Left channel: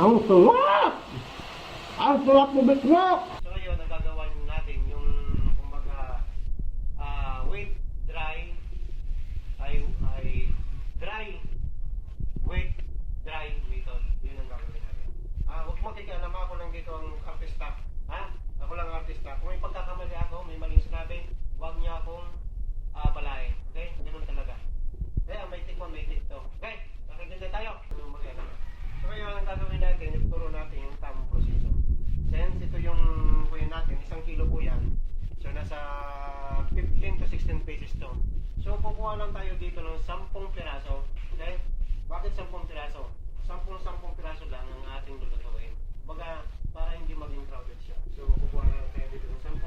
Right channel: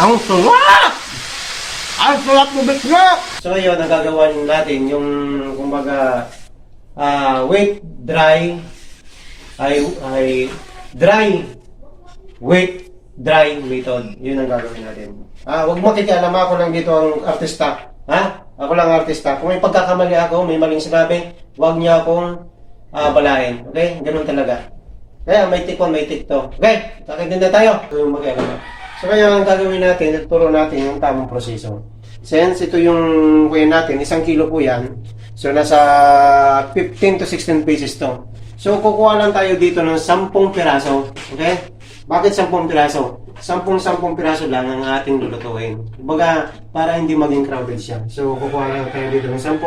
Ang sarap! Ang sarap mo bitlog! So yun, nagagawa natin yung kumbaga wet dry ay dry wet dry method. Yun ang gagawin natin. Huwag makikialam, ako lang dito ang artista. Ha? Ako lang ang artista. Kung may pagkakamali ako, may maling sinabi, huwag niya akong balahin. Okay? Ganun talaga. Kaya may tikon, may tikto. Okay? Kakitinda tayo. So yung mag-alam. So kaya ang gagawin natin, ituro natin yung tamang proseso. Since ito yung kuya natin, 1 kilo po yan. So nasa 15 to 16 pieces to. So kukuha lang tayo dito ng 10 piraso. Okay? Bakit 10 piraso? 10 piraso lang ang ating lulutuin. Kumbaga, para hindi maging crowded siya. So kukuha lang tayo dito ng 10.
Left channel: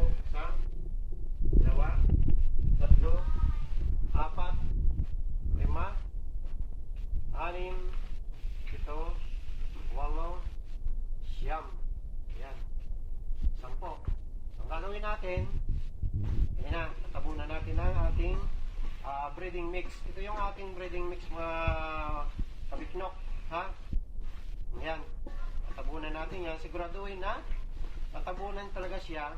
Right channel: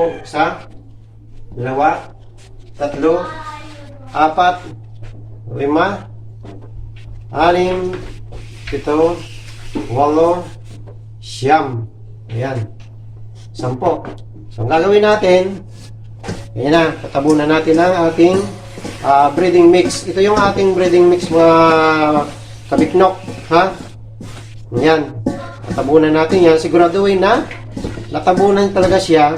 1, 2, 3, 4, 5, 6, 7, 8, 9, ayan, 10. So ang gagawin natin, ayan na, tatabunan natin ang ating breading mix. Ito yung ating breading mix, mga kabiknok, ha? Ayan, tatabunan natin yan. Siguraduhin na natabunan talaga siya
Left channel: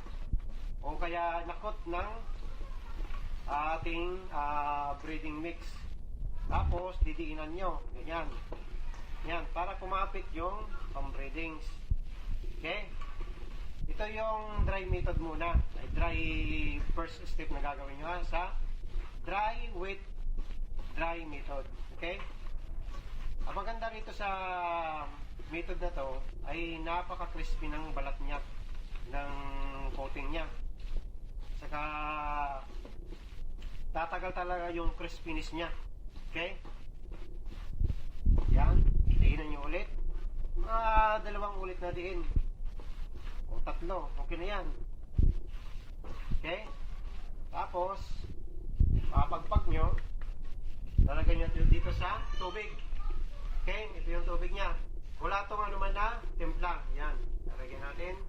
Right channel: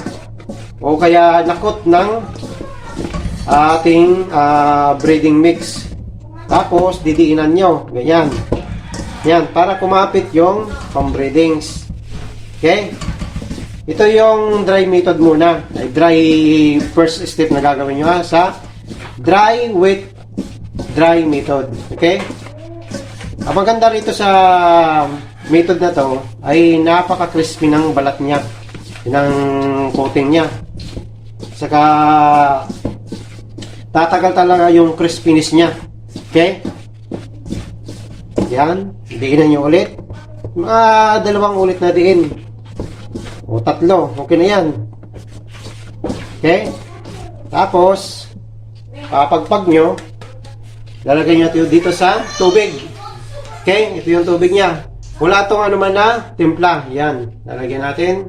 o kaya nakot ng ating breading mix. Tapos didiinan nyo, ganyan. Yan, para kumapit yung pang-breadings. Okay? Ito yung dry method muna. Dry first step na gagawin nyo, ha? Sa dry wet dry method. Okay? Ang maganda rito sa method na to ay napaka-crispy ng balat niya, ng coating niya. Saka tatagal talaga yung crispiness niya. Okay? Yan, diinan nyo ulit. Mga 2 ulit na diin. O 3, okay na yan. Okay? Tapos, papagpag nyo, lalagay nyo ito dito sa tubig. Okay? Ito yung tubig niya. Wala itong ano man na timpla. Yan, lalagyan natin.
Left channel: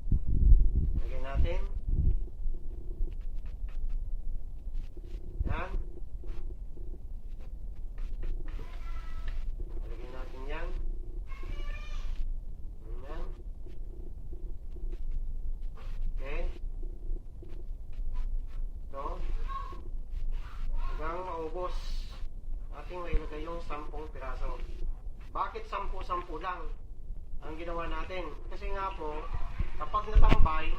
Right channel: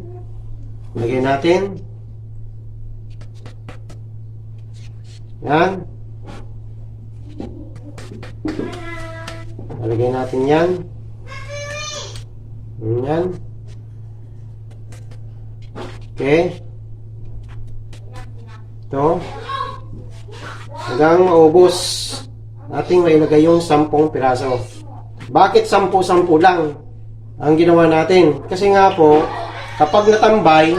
Lagyan natin. Yan. Lalagyan natin yan. Yan. Okay. Ito. Hanggang maubos. Ating mailagay yung 10 piraso. Bakit 10 lang ang ginawa natin? Kasi nga po, kapag natambay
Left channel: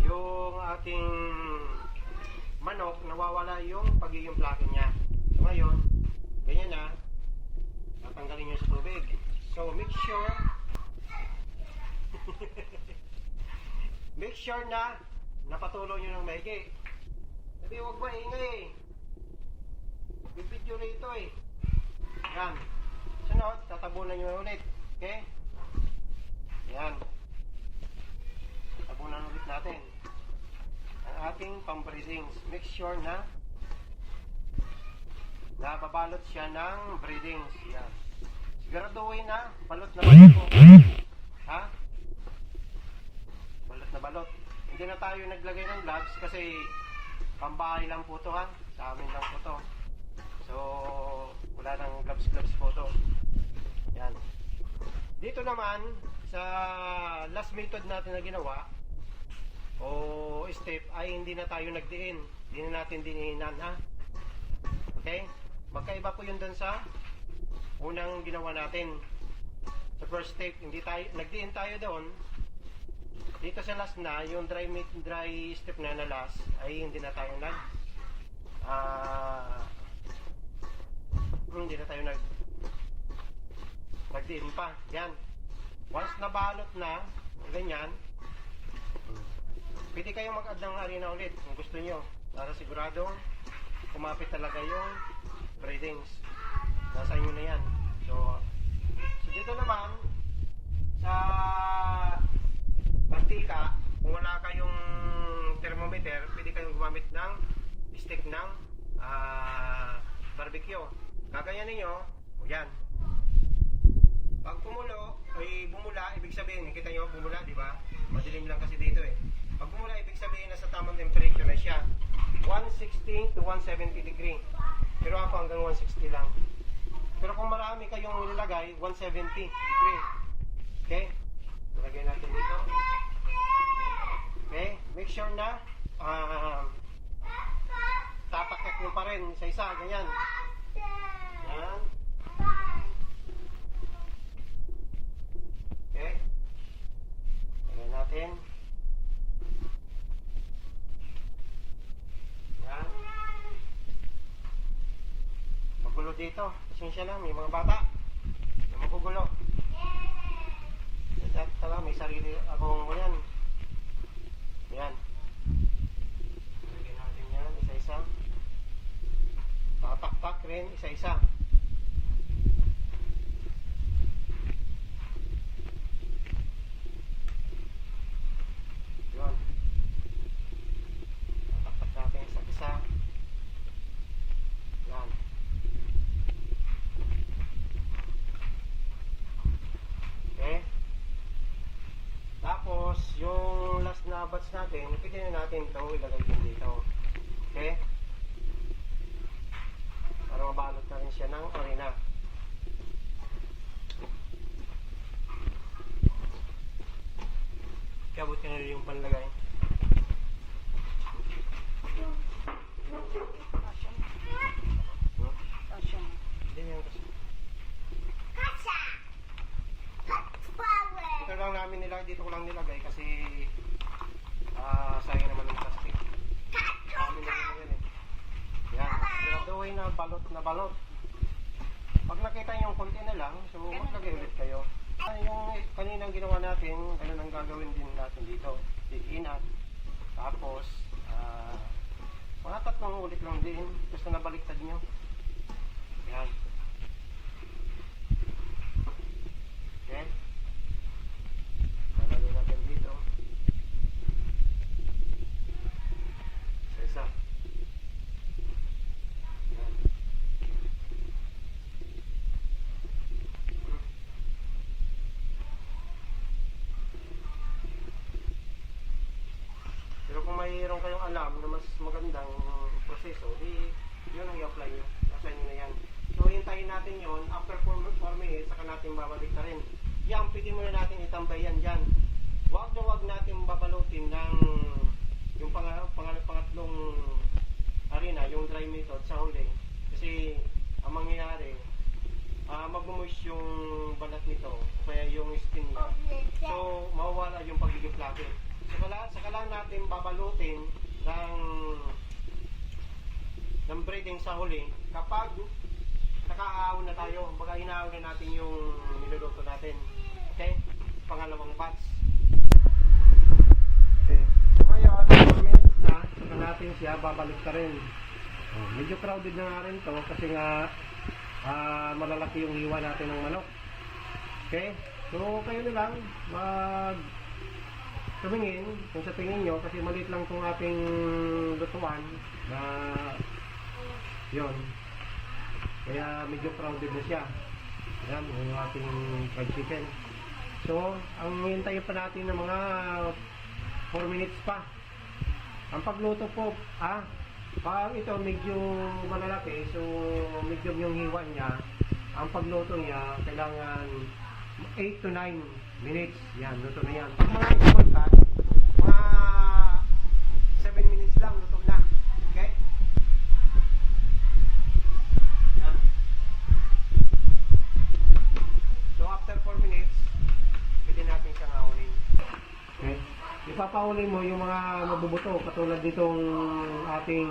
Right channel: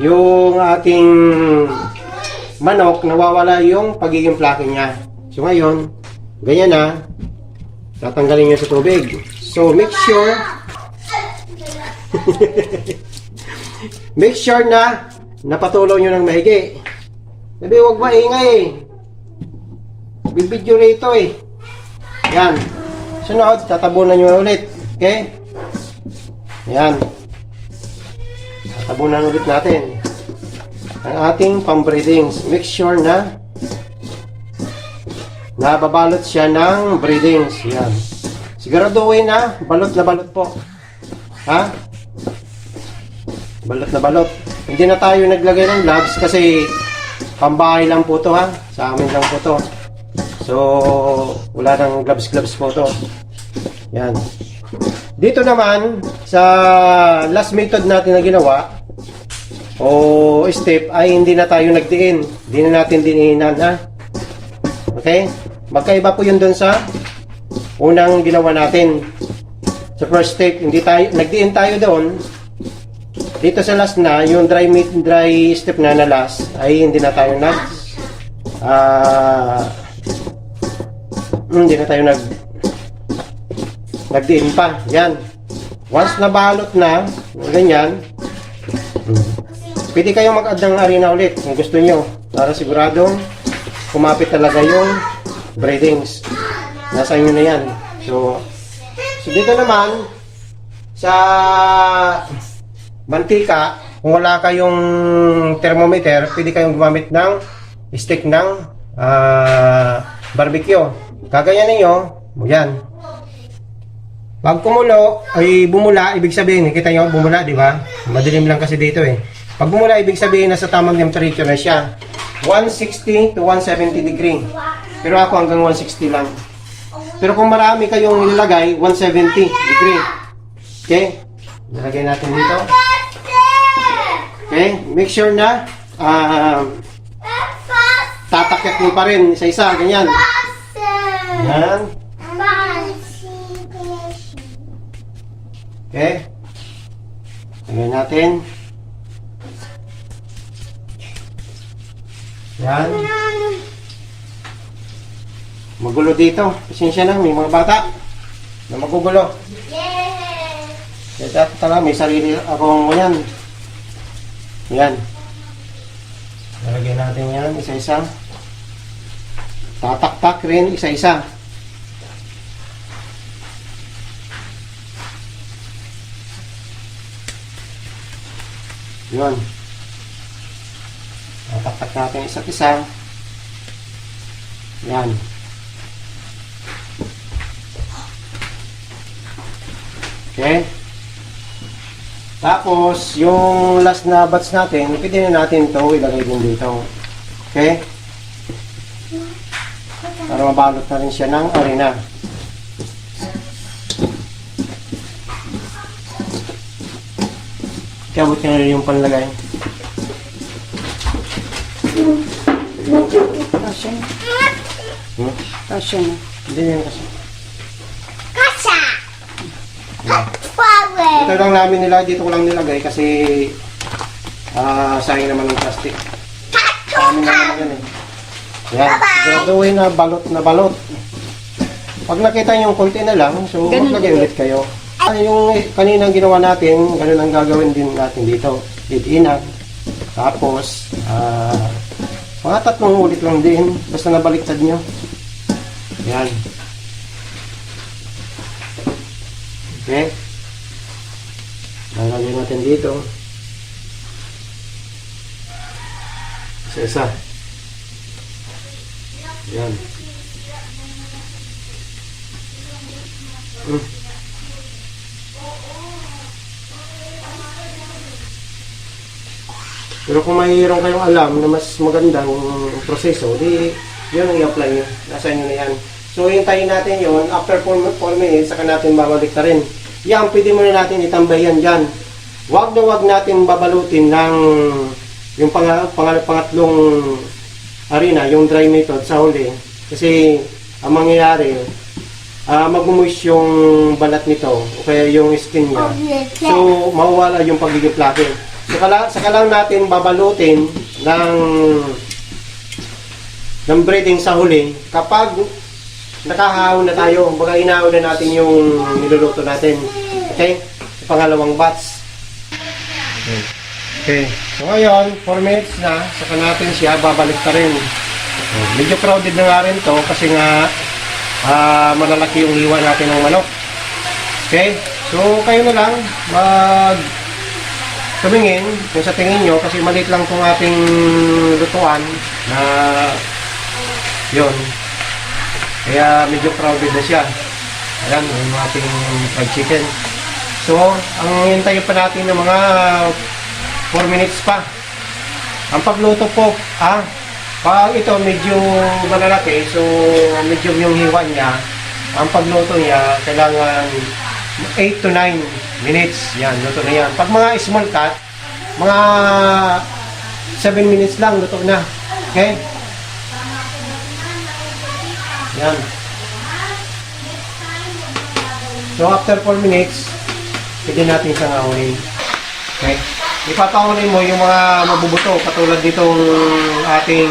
yung ating manok, nawawala yung pagiging flake niya. So ngayon, ganyan na. Tatanggalin nyo sa tubig. So make sure make sure na napatuloy nyo ng mahigi. Sabi, huwag maingay. Bibidyo rito eh. Yan. Sunod, tatabunan nyo ulit. Okay? Yan. Tatabunan ulit natin ang ating pang-breadings. Make sure na nababalot siya ng breadings. Yan. Siguraduhin na balot na balot po. Ha? Balot na balot. Hindi na tayo naglagay ng gloves kasi pambahay lang po to, ha. Sa amin lang po to. So, wala nang gloves po to. Yan. Dito naman, sa last method natin na ginawa, o step, ay hindi na tayo nagdiin. Hindi na natin diniinan, ha. Okay? Magkaiba po yun dun sa unang ginawa natin. Sa first step, hindi tayo, nagdiin tayo doon. Dito sa last na, yung dry step na last, ay hindi na tayo hindi na tayo nagdiin pa. Yan. Once na balot na, ganyan, pwede kayong mag-add ng harina ulit kung gusto nyo. Para siguradong kumapit talaga yung breadings. Nasa inyo na yan. So dito naman, sa mantika, kung wala kayong thermometer, pwede kayong gumamit ng stick ng barbecue. Kagayan ninyo, yan. Pag kumulo, ay bumula, ibig sabihin, kita nyo, bumula, di ba? Madilim lang kasi dito eh. Pag bumula, ibig sabihin, nasa tamang temperature na siya. 160 to 170 degree. Pero ako hanggang 160 lang. Pero kung marami kayong ilalagay, 170 degree. Okay? Nilagay natin dito. Okay? Make sure na tatakyak mo pa rin isa-isa. Ganyan. Yan. Okay? Lagyan natin. Yan. Magulo dito. Pasensya na, may mga bata na magugulo. Kaya talaga, may sarili akong yan. Yan. Lalagyan natin yan, isa-isa. Tatakpak rin, isa-isa. Yun. Tatakpak natin isa't isa. Yan. Okay. Tapos, yung last na batch natin, pwede na natin ito ilagay din dito. Okay? Para mabalot na rin siya ng arena. Kabot nyo na rin yung panlagay. Kasya na. Hmm? Kasya na. Hindi yan kasi. Kasha! Yan. Power! Ito lang namin nila, dito ko lang nilagay kasi sayang naman ng plastic. Amin naman yan eh. Yan, siguraduhin na balot na balot. Pag nakita nyo yung konti na lang, so Ganun maglagay ulit kayo. Yung kaninang ginawa natin, ganun ang gagawin din natin dito. Didiinan. Tapos, mga 3 ulit lang din, basta nabaliktad nyo. Yan. Okay. Lalagay natin dito. Isa-isa. Yan. Pero kung mayroon kayong alam na mas magandang proseso, di yun ang i-apply nyo. Nasa inyo na yan. So, hintayin natin yun. After 4 minutes, saka natin babalik na rin. Yan, pwede muna natin itambay yan dyan. Huwag na huwag natin babalutin ng yung pangatlong arena, yung dry method sa huli. Kasi, ang mangyayari, mag-moist yung balat nito, o kaya yung skin niya. So, mawawala yung pagiging fluffy. Saka lang natin babalutin ng breading sa huli kapag nakahawon na tayo. Baga inahon na natin yung niluluto natin. Okay? Pangalawang batch. Okay. So ngayon, 4 minutes na. Saka natin siya babalik pa rin. Medyo crowded na nga rin to kasi nga malalaki yung hiwa natin ng manok. Okay? So kayo na lang tumingin kung sa tingin nyo kasi maliit lang itong ating lutuan na yun. Kaya medyo crowded na siya. Ayan, yung ating fried chicken. So, ang hintayin pa natin ng mga 4 minutes pa. Ang pagluto po, pag ito medyo malalaki, so medyo yung hiwa niya, ang pagluto niya, kailangan 8 to 9 minutes. Yan, luto na yan. Pag mga small cut, mga 7 minutes lang, luto na. Okay? Yan. So, after 4 minutes, pwede natin siyang ahulin. Okay? Ipapahulin mo yung mga mabubuto, katulad ditong ating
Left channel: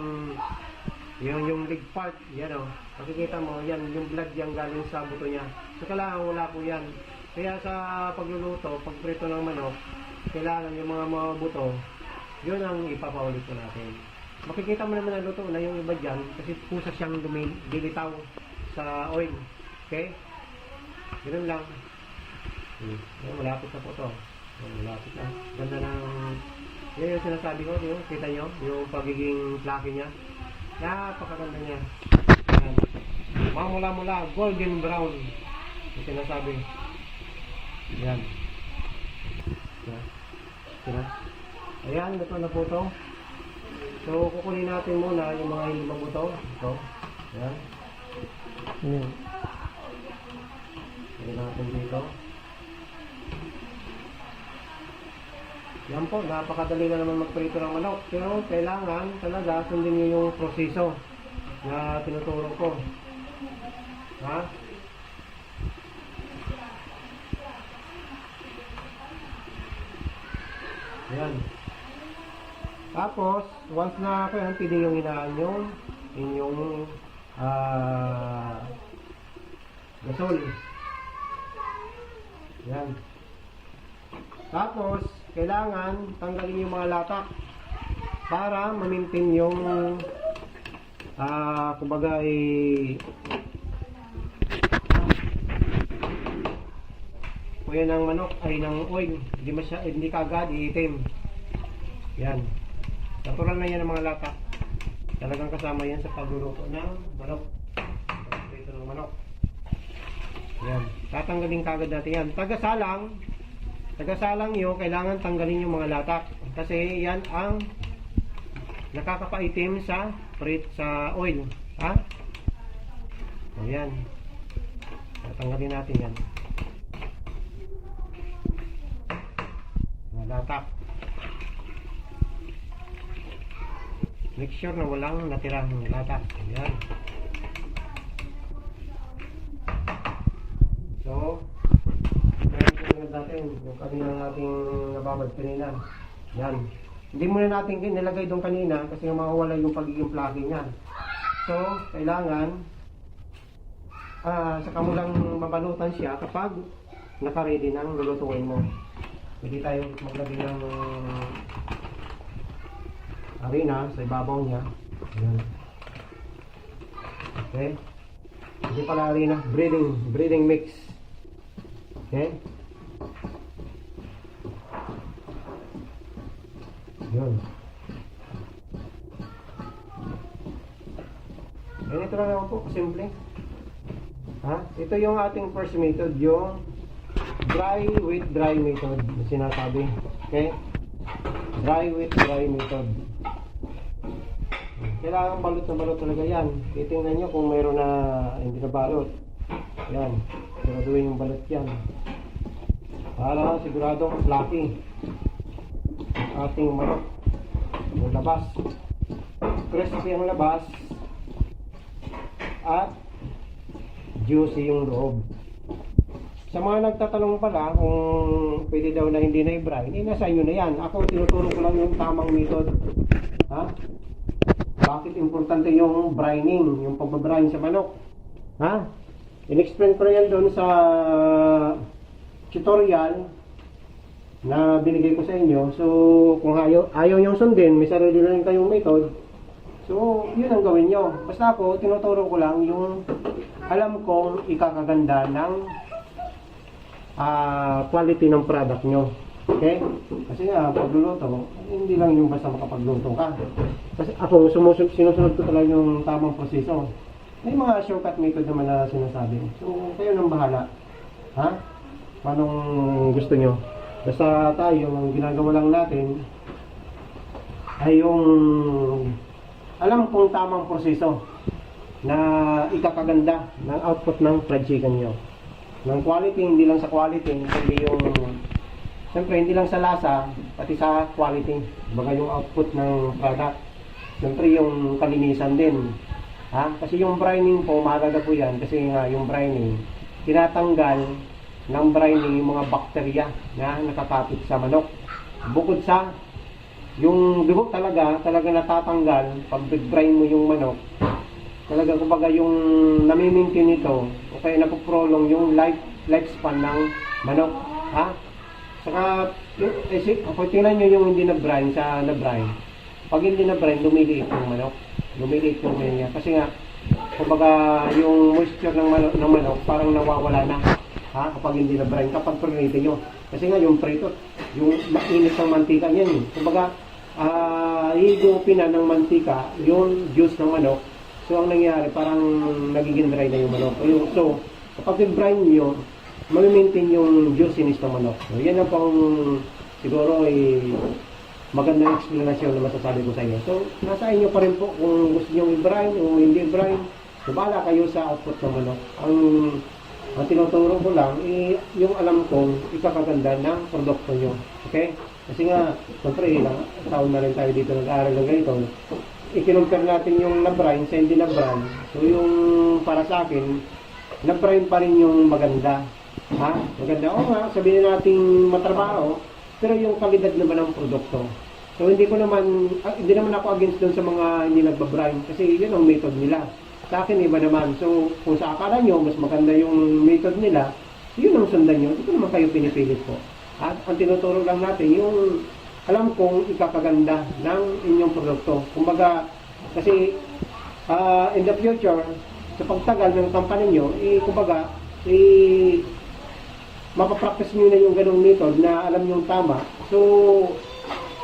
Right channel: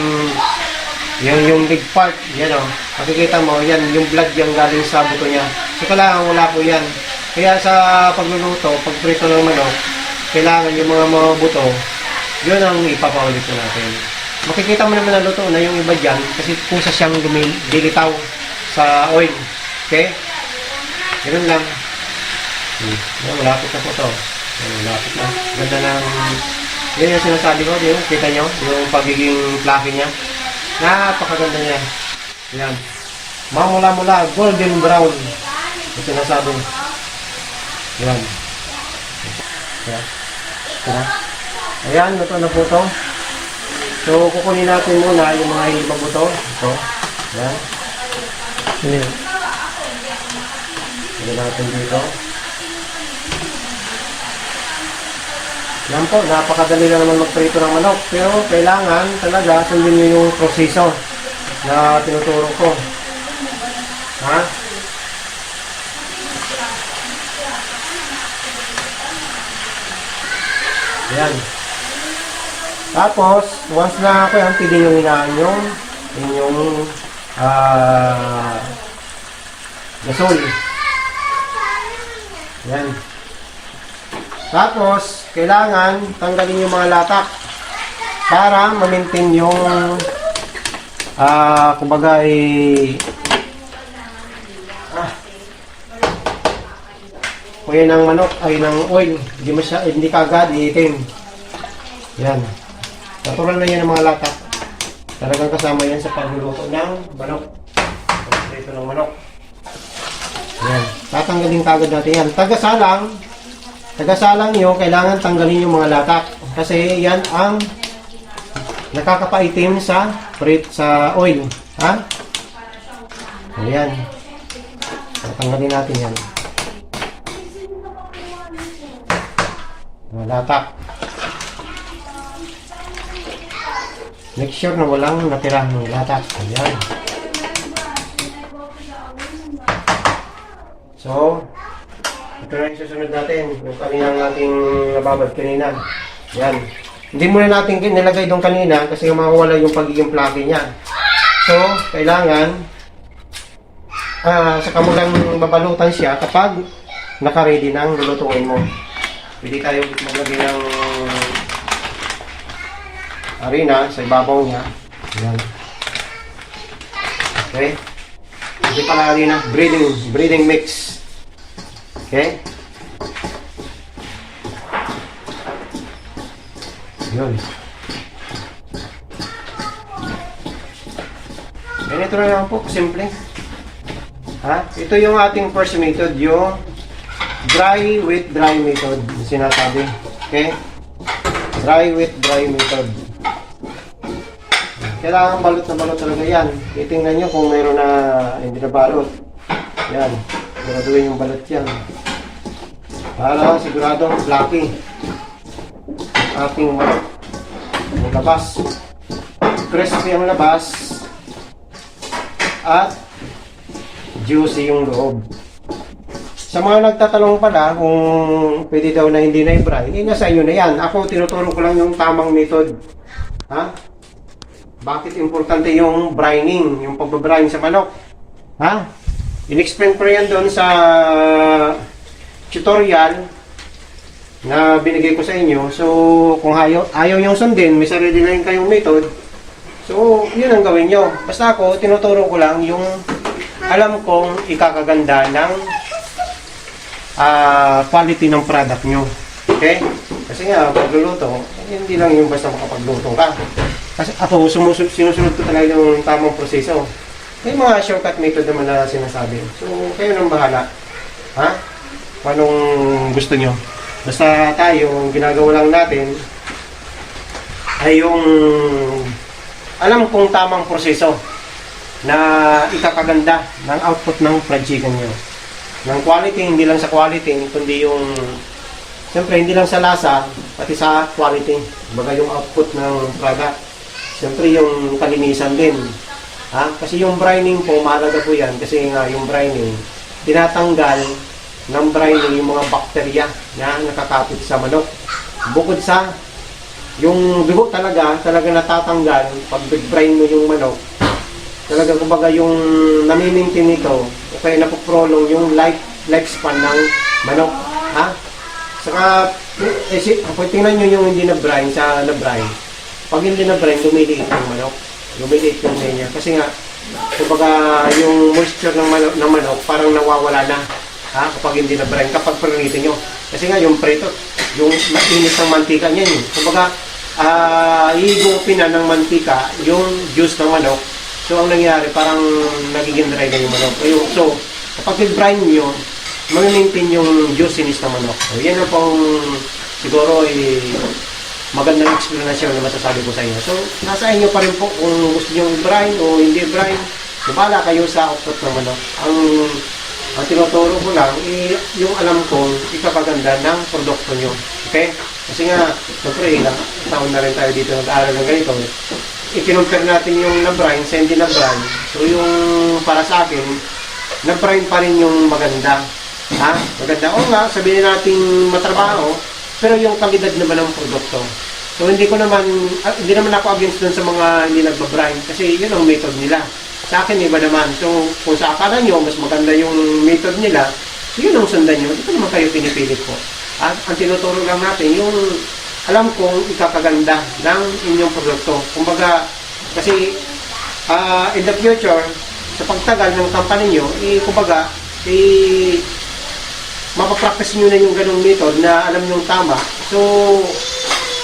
yung leg part. Yan o. Makikita mo, yan, yung blood yung galing sa buto niya. So, kailangan wala po yan. Kaya sa pagluluto, pagprito ng manok, kailangan yung mga buto, yun ang ipapaulit ko natin. Makikita mo naman na luto na yung iba dyan kasi kusa siyang dilitaw sa oil. Okay? Ganun lang. Malapit na po ito. Malapit na. Ganda ng... Yan yung sinasabi ko. Yung, kita nyo? Yung pagiging fluffy niya. Napakaganda niya. Yan. Mamula-mula, golden brown. Yung sinasabi. Yan. Ayan, luto na po ito. So, kukunin natin muna yung mga iba buto. Ito. Ayan. Lagyan natin dito. Yan po, napakadali lang naman magprito ng manok. Pero kailangan talaga sundin nyo yung proseso na tinuturo ko. Ha? Yan. Tapos, once na ako yan, pili nyo hinaan yung inyong gasol. Yan. Tapos, kailangan tanggalin yung mga latak para ma-maintain yung kumbaga kuya ng manok ay ng oil, hindi kagad iitim. Yan. Natural na yan ang mga latak. Talagang kasama yan sa pagluluto ng manok. Ito ng manok. Yan. Tatanggalin kagad natin yan. Tagasalang nyo, kailangan tanggalin yung mga latak. Kasi yan ang nakakapaitim sa oil. Ha? Ayan. Tatanggalin natin yan. Mga latak. Make sure na walang natira ng latak. Ayan. So, ito na yung susunod natin. Yung kaninang ating nababad kanina. Yan. Hindi muna natin nilagay doon kanina kasi mawawala yung pagiging fluffy niya. So, kailangan saka mo lang mabalutan siya kapag naka-ready na ang lulutuin mo. Pwede tayo maglagay ng harina sa ibabaw niya. Yan. Okay. Hindi pala harina. Breeding mix. Okay. Yun. Ganito na lang po. Simple. Ha? Ito yung ating first method. Yung dry with dry method. Sinasabi. Okay. Dry with dry method. Kailangan balot na balot talaga yan. Titingnan nyo kung mayroon na hindi na balot. Yan. Siguraduhin yung balot yan. Para siguradong fluffy. Ating manok. Yung labas. Crispy ang labas. At juicy yung loob. Sa mga nagtatanong pala kung pwede daw na hindi na i-brine, nasa inyo na yan. Ako tinuturo ko lang yung tamang method. Ha? Bakit importante yung brining, yung pagbabrine sa manok? Ha? In-explain ko yan doon sa tutorial na binigay ko sa inyo. So, kung ayaw yung sundin, may sarili na rin kayong method. So, yun ang gawin nyo. Basta ako, tinuturo ko lang yung alam kong ikakaganda ng quality ng product nyo. Okay? Kasi nga, pagluluto, hindi lang yung basta makapagluto ka. Kasi ako, sinusunod ko talaga yung tamang proseso. May mga shortcut method naman na sinasabi. So, kayo nang bahala. Ha? Anong gusto nyo? Basta tayo, ang ginagawa lang natin ay yung alam kong tamang proseso na ikakaganda ng output ng fried chicken nyo. Ng quality, hindi lang sa quality, kundi yung siyempre, hindi lang sa lasa, pati sa quality. Baga yung output ng product. Siyempre, yung kalinisan din. Ha? Kasi yung brining po, mahalaga po yan. Kasi nga, yung brining, tinatanggal ng brining yung mga bakterya na nakakapit sa manok. Bukod sa, yung dugo talaga natatanggal pag brine mo yung manok. Talaga, kumbaga, yung namimintin nito, o kaya napoprolong yung lifespan ng manok. Ha? Saka, kung tingnan nyo yung hindi na-brine sa na-brine, pag hindi na-brine, lumiliit yung manok. Lumiliit yung niya. Kasi nga, kumbaga, yung moisture ng manok parang nawawala na. Ha? Kapag hindi na-brine, kapag prinitin nyo. Kasi nga, yung preto, yung mainit ng mantika niya yun. Kumbaga, higupin na ng mantika yung juice ng manok. So, ang nangyari, parang nagiging dry na yung manok. Ayun, so, kapag i-brine nyo, mag-maintain yung juiciness ng manok. So, yan ang pang siguro magandang explanation na masasabi ko sa inyo. So, nasa inyo pa rin po kung gusto nyo i-brine o hindi i-brine. Bala kayo sa output ng manok. Ang Ang tinuturo ko lang, yung alam kong ikapaganda ng produkto nyo. Okay? Kasi nga, siyempre, ilang taon na rin tayo dito nag-aaral ng ganito. I-compare natin yung na-brine sa hindi na-brine. So yung para sa akin, na-brine pa rin yung maganda. Ha? Maganda. O nga, sabihin natin matrabaho, pero yung kalidad naman ng produkto. So hindi naman ako against dun sa mga hindi nagbabrine kasi yun ang method nila. Sa akin iba naman. So kung sa akala nyo mas maganda yung method nila, yun ang sundan nyo. Ito naman kayo pinipilit ko. At ang tinuturo lang natin yung alam kong ikakaganda ng inyong produkto. Kumbaga, kasi in the future, sa pagtagal ng company nyo, kumbaga, mapapractice nyo na yung ganong method na alam nyo tama. So,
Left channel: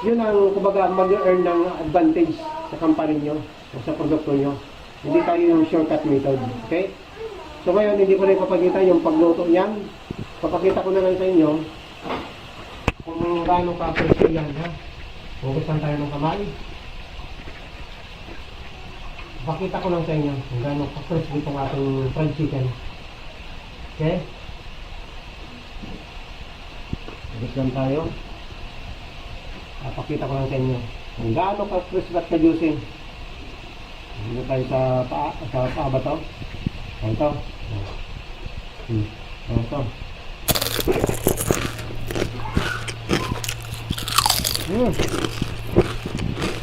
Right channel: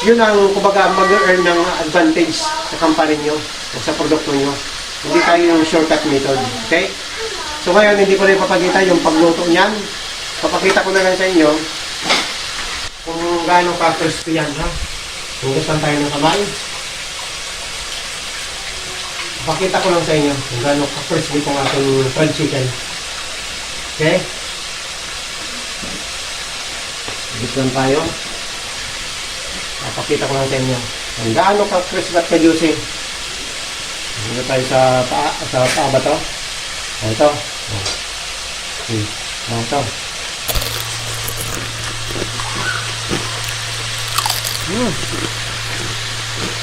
yun ang kumbaga mag-earn ng advantage sa company nyo o sa produkto nyo. Hindi tayo yung shortcut method. Okay? So ngayon, hindi ko na ipapakita yung pagluto niyan. Papakita ko na lang sa inyo kung gaano ka-first yan, ha? Hugasan tayo ng kamay. Papakita ko lang sa inyo kung gaano ka-first itong ating fried chicken. Okay? Hugasan tayo. Papakita ko lang sa inyo kung gaano ka-crisp at ka-juicy. Dito tayo sa paa ba to? Ito. Ito.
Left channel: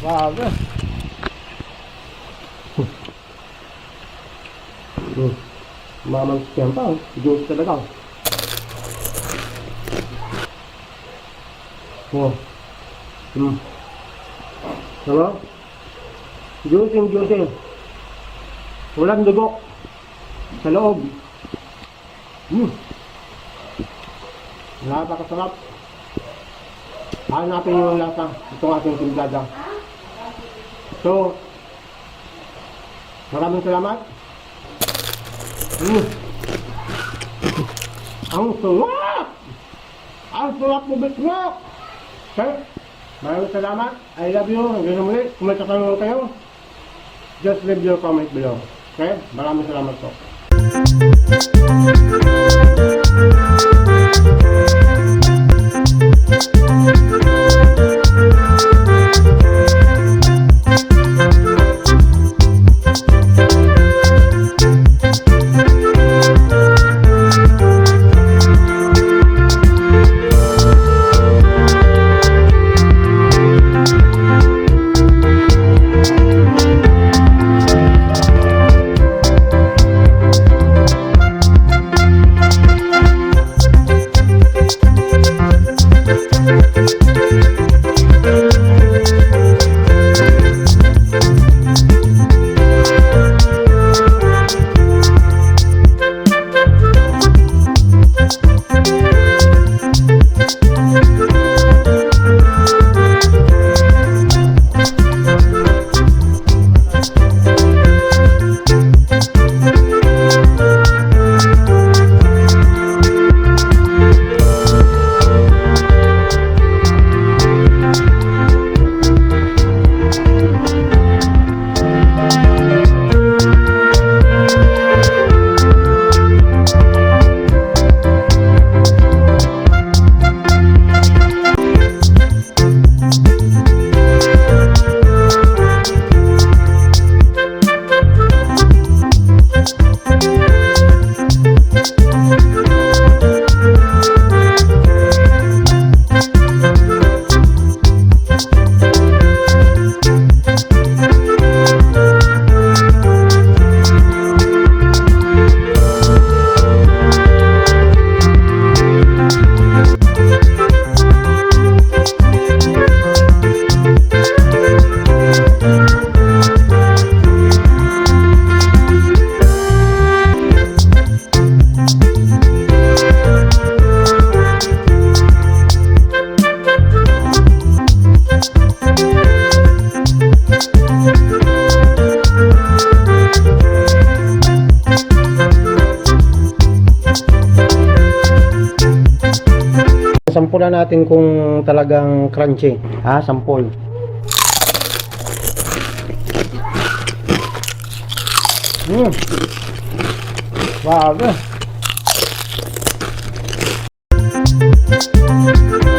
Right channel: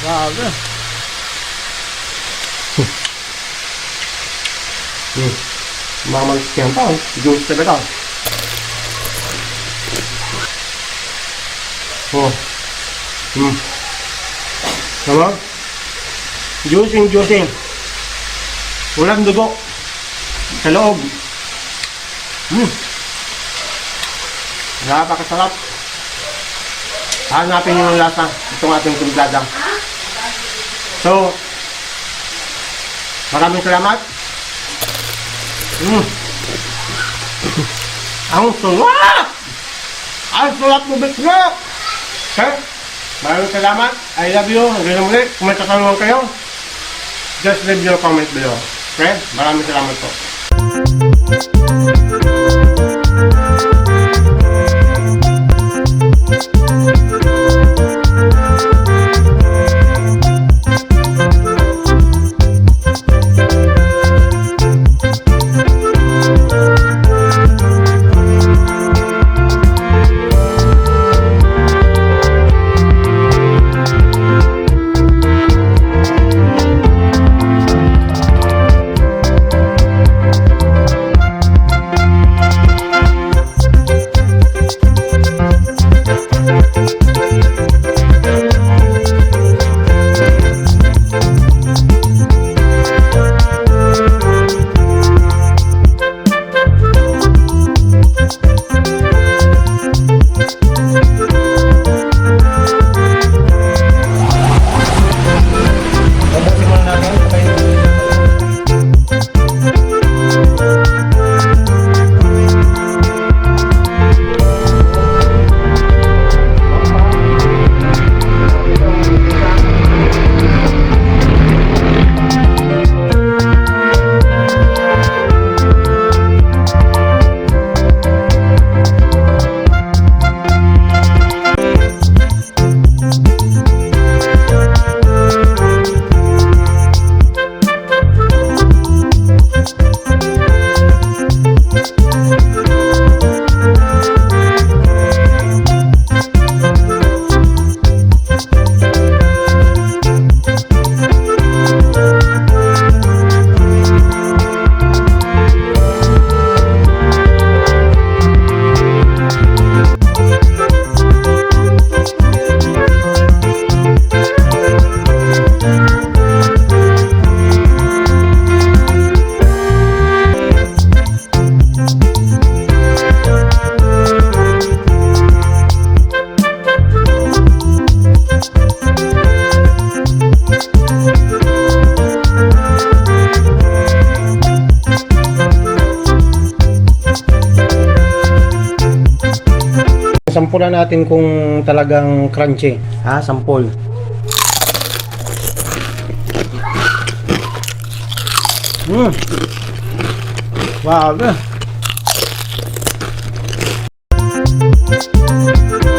Grabe. Mamalis yan pa. Juice na ba ito? Oh. Tama? Juicy. Walang dugo. Sa loob. Napakasarap. Hanapin nyo yung lasa. Itong ating timplada. So, maraming salamat. Ang sarap! Ang sarap mo, Bitlok! Okay? Maraming salamat. I love you. Hanggang muli. Kung may katanungan kayo, just leave your comment below. Okay? Maraming salamat po. Sampulan natin kung talagang crunchy. Sampol. Wow. Kasha.